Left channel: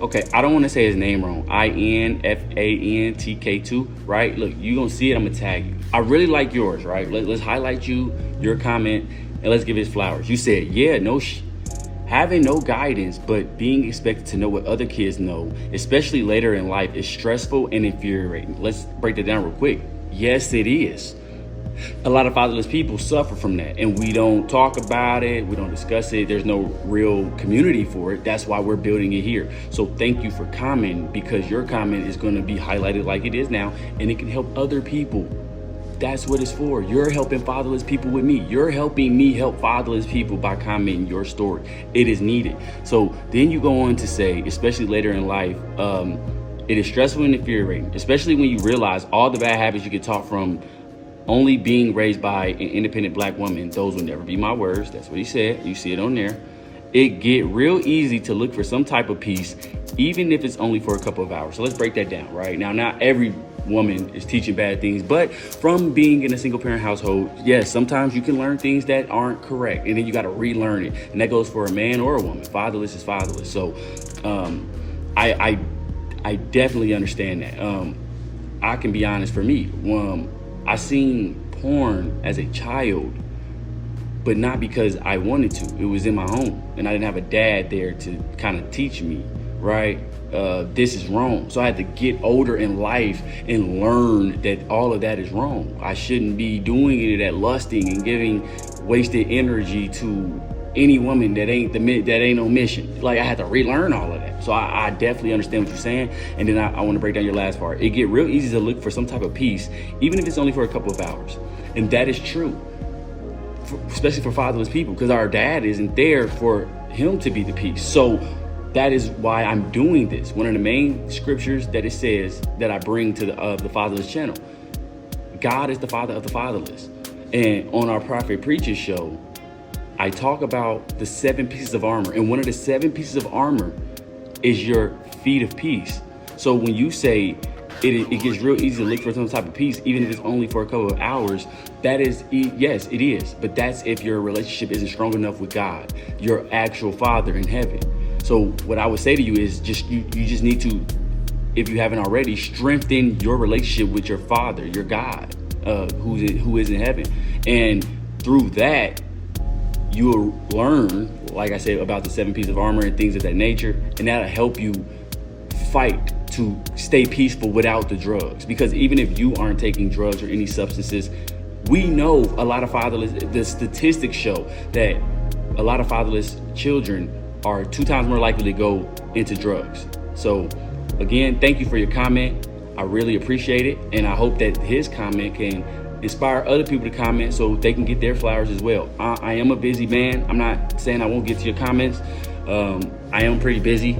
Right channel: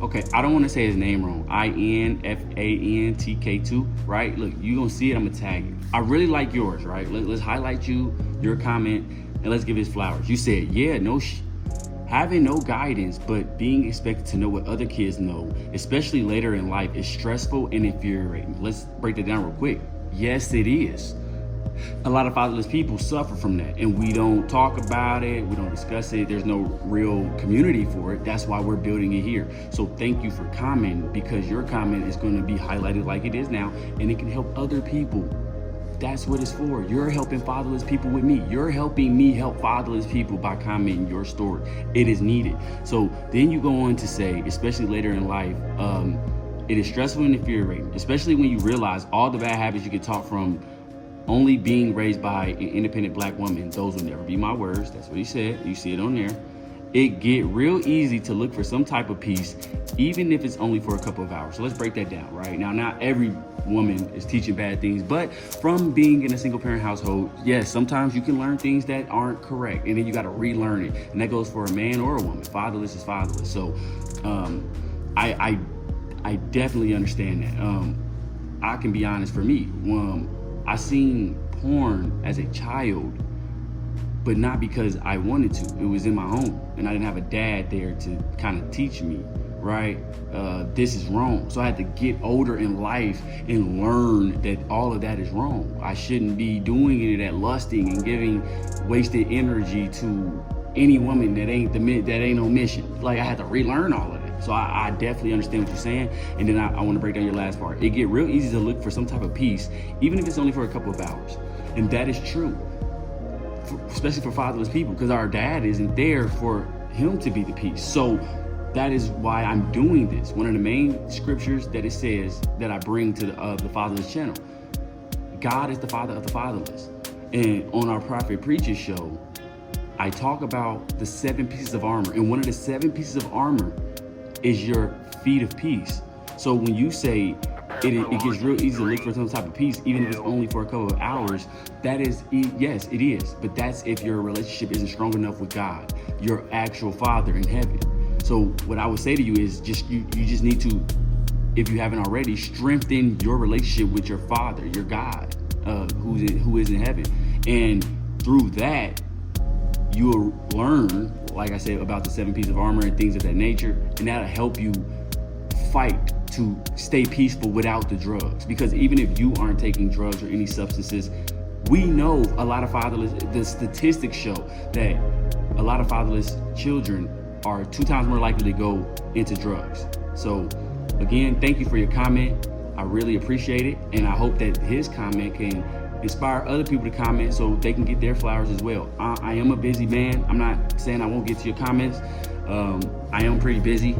Okay, I don't want to say his name wrong. INFANTK2, right? Look, you gonna see it. I'm gonna tag you. I really like yours, right? Let's highlight your comment, and let's give it flowers. You said, yeah, having no guidance, but being expected to know what other kids know, especially later in life, is stressful and infuriating. Let's break that down real quick. Yes, it is. A lot of fatherless people suffer from that, and we don't talk about it, we don't discuss it. There's no real community for it. That's why we're building it here. So thank you for commenting, because your comment is going to be highlighted like it is now, and it can help other people. That's what it's for. You're helping fatherless people with me. You're helping me help fatherless people by commenting your story. It is needed. So then you go on to say, especially later in life, it is stressful and infuriating, especially when you realize all the bad habits you get taught from only being raised by an independent black woman. Those will never be my words. That's what he said. You see it on there. It get real easy to look for some type of peace, even if it's only for a couple of hours. So let's break that down, right? Now, not every woman is teaching bad things, but from being in a single parent household, yes, sometimes you can learn things that aren't correct, and then you got to relearn it. And that goes for a man or a woman. Fatherless is fatherless. So I definitely understand that. I can be honest, for me, I seen porn as a child, but not because I wanted to. It was in my home, and I didn't have a dad there to kind of teach me, right? This is wrong. So I had to get older in life and learn that all of that is wrong. I shouldn't be doing any of that lusting and giving wasted energy to any woman that ain't no mission. Like, I had to relearn all of that. So I definitely understand what you're saying. And then I want to break down your last part. It get real easy to look for some type of peace, even if it's only for a couple of hours. And that is true, especially for fatherless people, because our dad isn't there for him to be the peace. So that is why I'm doing this. One of the main scriptures that it says that I bring to the Fatherless channel, God is the father of the fatherless. And on our Prophet Preacher show, I talk about the 7 pieces of armor. And one of the 7 pieces of armor is your feet of peace. So when you say it gets real easy to look for some type of peace, even if it's only for a couple of hours, that is, yes, it is. But that's if your relationship isn't strong enough with God, your actual Father in heaven. So what I would say to you is you just need to, if you haven't already, strengthen your relationship with your Father, your God, who is in heaven. And through that, you'll learn, like I said, about the 7 pieces of armor and things of that nature, and that'll help you fight to stay peaceful without the drugs. Because even if you aren't taking drugs or any substances, we know a lot of fatherless, the statistics show that a lot of fatherless children are 2 times more likely to go into drugs. So again, thank you for your comment. I really appreciate it, and I hope that his comment can inspire other people to comment so they can get their flowers as well. I am a busy man. I'm not saying I won't get to your comments. I am pretty busy,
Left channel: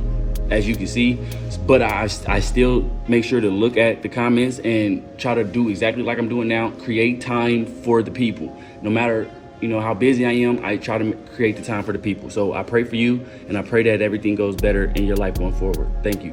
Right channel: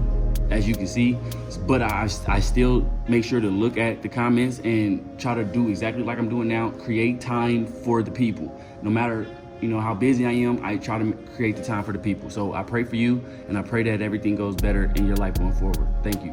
as you can see, but I still make sure to look at the comments and try to do exactly like I'm doing now, create time for the people. No matter how busy I am, I try to create the time for the people. So I pray for you, and I pray that everything goes better in your life going forward. Thank you.